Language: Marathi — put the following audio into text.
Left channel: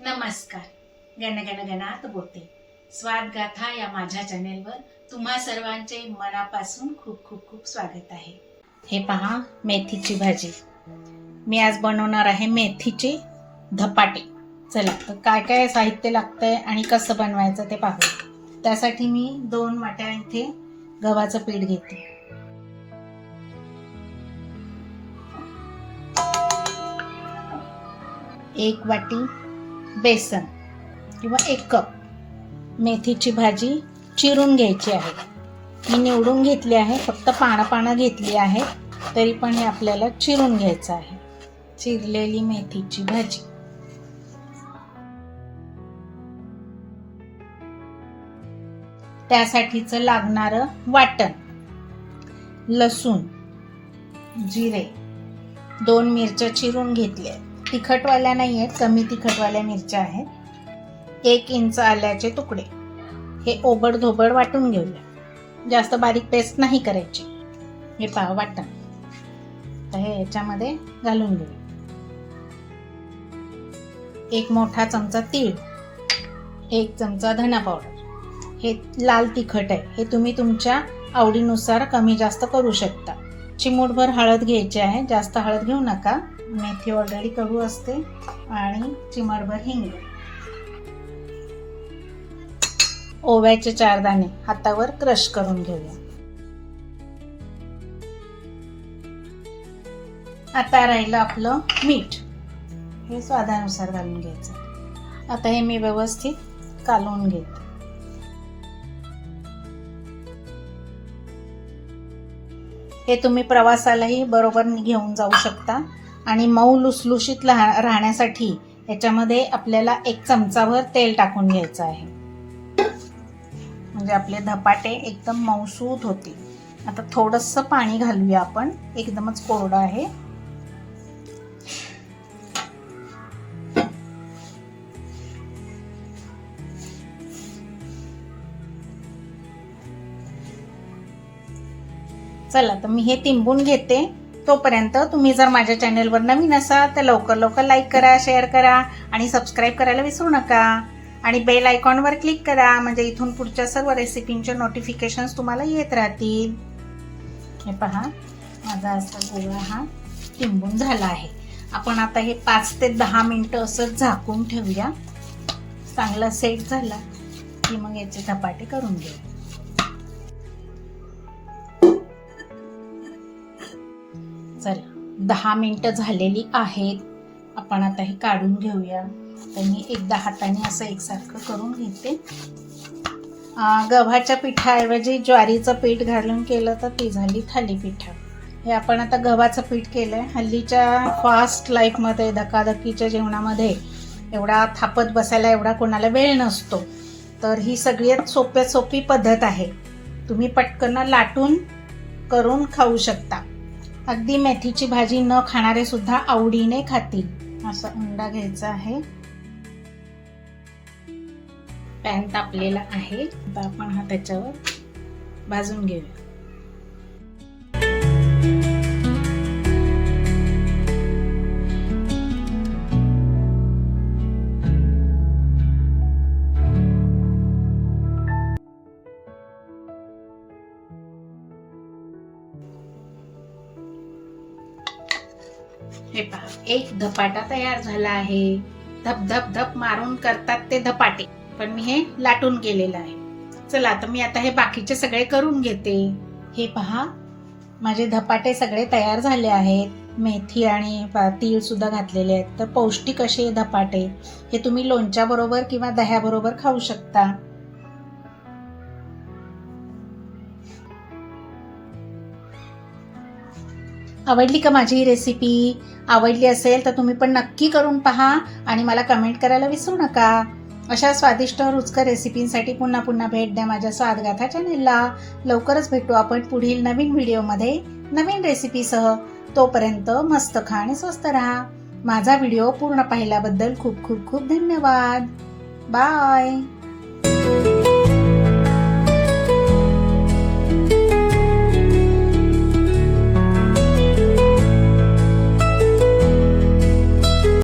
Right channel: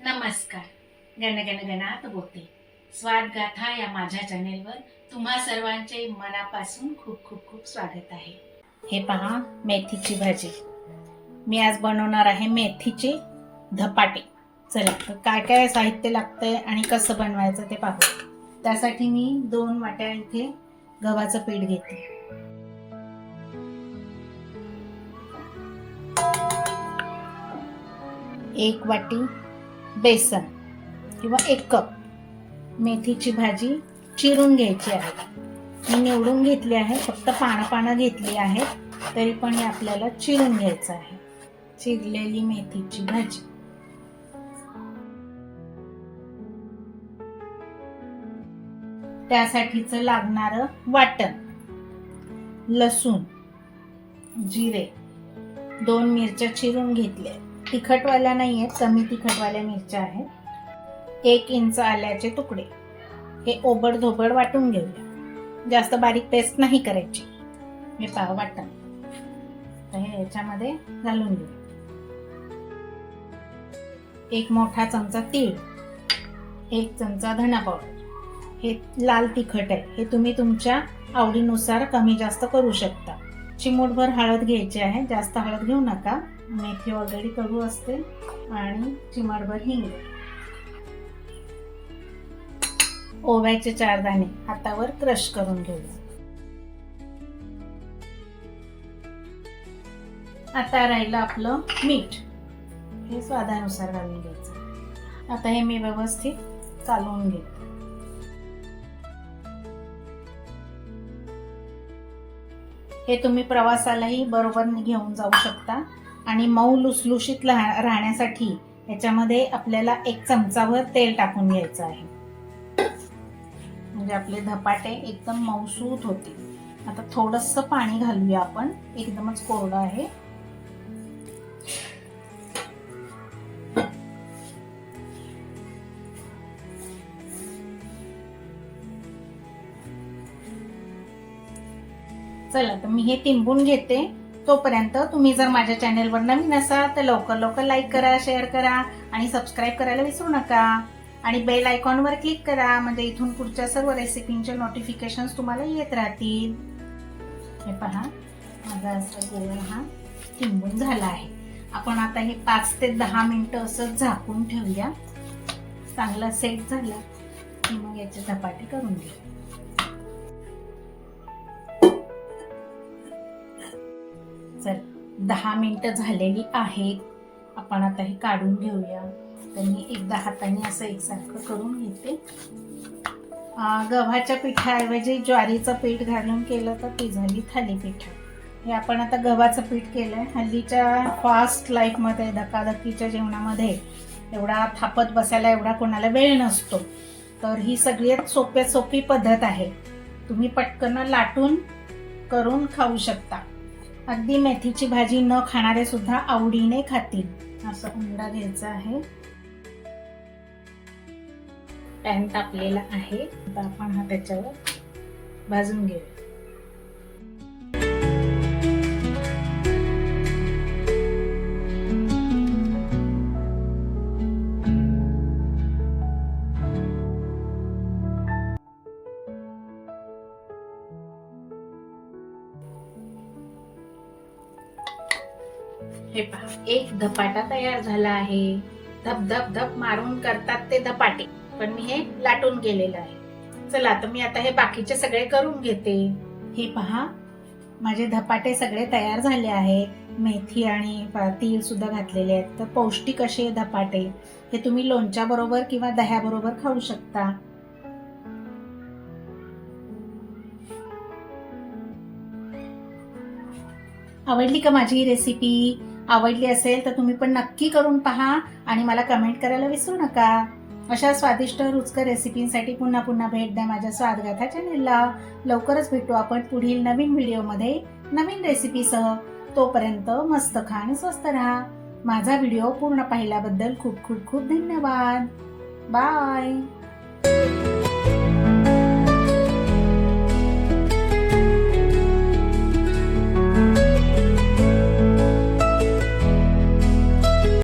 नमस्कार. गणगण गणात बोलते. स्वाद गाथा या माझ्या चॅनेलवर तुम्हा सर्वांचे मनापासून खूप खूप खूप स्वागत आहे. हे पहा, मेथीची भाजी. मी आज बनवणार आहे मेथीचे धपाटे. चला तर काय काय साहित्य लागतंय आणि कसं बनवायचं ते पाहू. त्यासाठी मी 2 वाट्या इथे गव्हाचं पीठ घेते. एक वाटी बेसन किंवा 1 कप मेथीची भाजी चिरून घ्यायची आहे. मी निवडून घेतली आहे, फक्त पानं घेतली आहे, तरी पण हे आपल्याला चिरून घ्यायचं आहे. चिरलेली मेथीची भाजी. त्यासाठीचं लागणारं वाटण: लसूण, जिरे, 2 मिरच्या चिरून घेतल्या. तिखटवाल्या नाही आहेत, कमी तिखटवाल्या मिरच्या आहेत. 1 इंच आल्याचे तुकडे. हे ओबडधोबड वाटून घेऊया, जास्त बारीक पेस्ट नाही करायची. हे पहा वाटण, तर हे याच्यामध्ये घालून घेऊया. 1 मोठा चमचा तीळ, 1 चमचा धना पावडर. हे लाल तिखट आहे, हे तुम्ही तुमच्या आवडीनुसार कमी जास्त करू शकता. चिमूटभर हळद घ्यायची आहे, जास्त हळद घेऊ नका, मेथी ऑलरेडी कडू असते. आणि चिमटभर हिंग. ओव्याचे 4 दाणे हातावर क्रश करून घेऊया. आता राहिलं आपलं मीठ, हे स्वादानुसार घालून घ्यायचं. आता हे मी व्यवस्थित कालवून घेते. हे तुम्ही प्रवासालाही बरोबर घेऊन जाऊ शकता. आणि मऊ लुसलुशीत राहण्यासाठी याच्यामध्ये आपल्याला 1 चमचाभर तेल टाकून घ्यायचं आहे, म्हणजे आपले धपाटे एकदम मऊसूत होतील. आता थोडंसं पाणी घालूया आपण, एकदमच कोरडं आहे. चला तर मी हे तिंबून घेते. तोपर्यंत तुम्ही जर माझ्या चॅनेलवर नवीन असाल तर लवकर लाईक करा, शेअर करा आणि सबस्क्राईब करायला विसरू नका. आणि बेल आयकॉनवर क्लिक करा, म्हणजे इथून पुढच्या सर्व रेसिपींचे नोटिफिकेशन्स तुम्हाला येत राहतील. हे पहा, माझा असा गोळा हा तिंबून झाला आहे. आपण आता हे 5 ते 10 मिनिटं असं झाकून ठेवूया. चांगला सेट झाला की मग याचे धपाटे करून घेऊया. चला, 10 मिनिटं झालेली आहेत. आपण आता हे काढून घेऊया. तर मी एकदा हाताने असं एकसारखं करून घेते. गव्हाच्या पिठाऐवजी ज्वारीचं पीठ घालून केलं तर ती झाली थालीपीठ. हे आपण आता गव्हाचं पीठ केलंय. हल्लीच्या फास्ट लाईफमध्ये, धकाधकीच्या जेवणामध्ये एवढा थापत बसायला एवढा कोणाला वेळ नसतो. तर ही सगळ्यात सोप्यात सोपी पद्धत आहे. तुम्ही पटकन लाटून करून खाऊ शकता. अगदी मेथीची भाजी न खाणारे सुद्धा आवडीने खातील. असा उंडा घ्यायचा आहे. पॅन तापलेला आहे, आता आपण हा त्याच्यावर भाजून घेऊया. हे पहा, 1 धपाटा तयार झाला आहे. धप धप धप मारून करतात ते धपाटे, पण मी हे लाटून केलेलं आहे. चला तर मी आता हे बाकीचे सगळे करून घेते. हे पहा, माझे धपाटे सगळे तयार झाले आहेत. मेथी आणि तीळ सुद्धा घातलेले आहेत. तर पौष्टिक असे धपाटे हे तुम्ही लोणच्या बरोबर किंवा दह्याबरोबर खाऊ शकता. आवडली का माझी ही रेसिपी? आवडली असेल तर तुम्ही पण नक्की करून पहा आणि मला कमेंट करायला विसरू नका. अशा स्वादिष्ट रुचकर रेसिपींसाठी पुन्हा भेट द्या माझ्या स्वादगाथा चॅनेलला. लवकरच भेटू आपण पुढील नवीन व्हिडिओमध्ये नवीन रेसिपीसह. तोपर्यंत मस्त खा आणि स्वस्त राहा. माझा व्हिडिओ पूर्ण पाहिल्याबद्दल खूप खूप खूप धन्यवाद. बाय.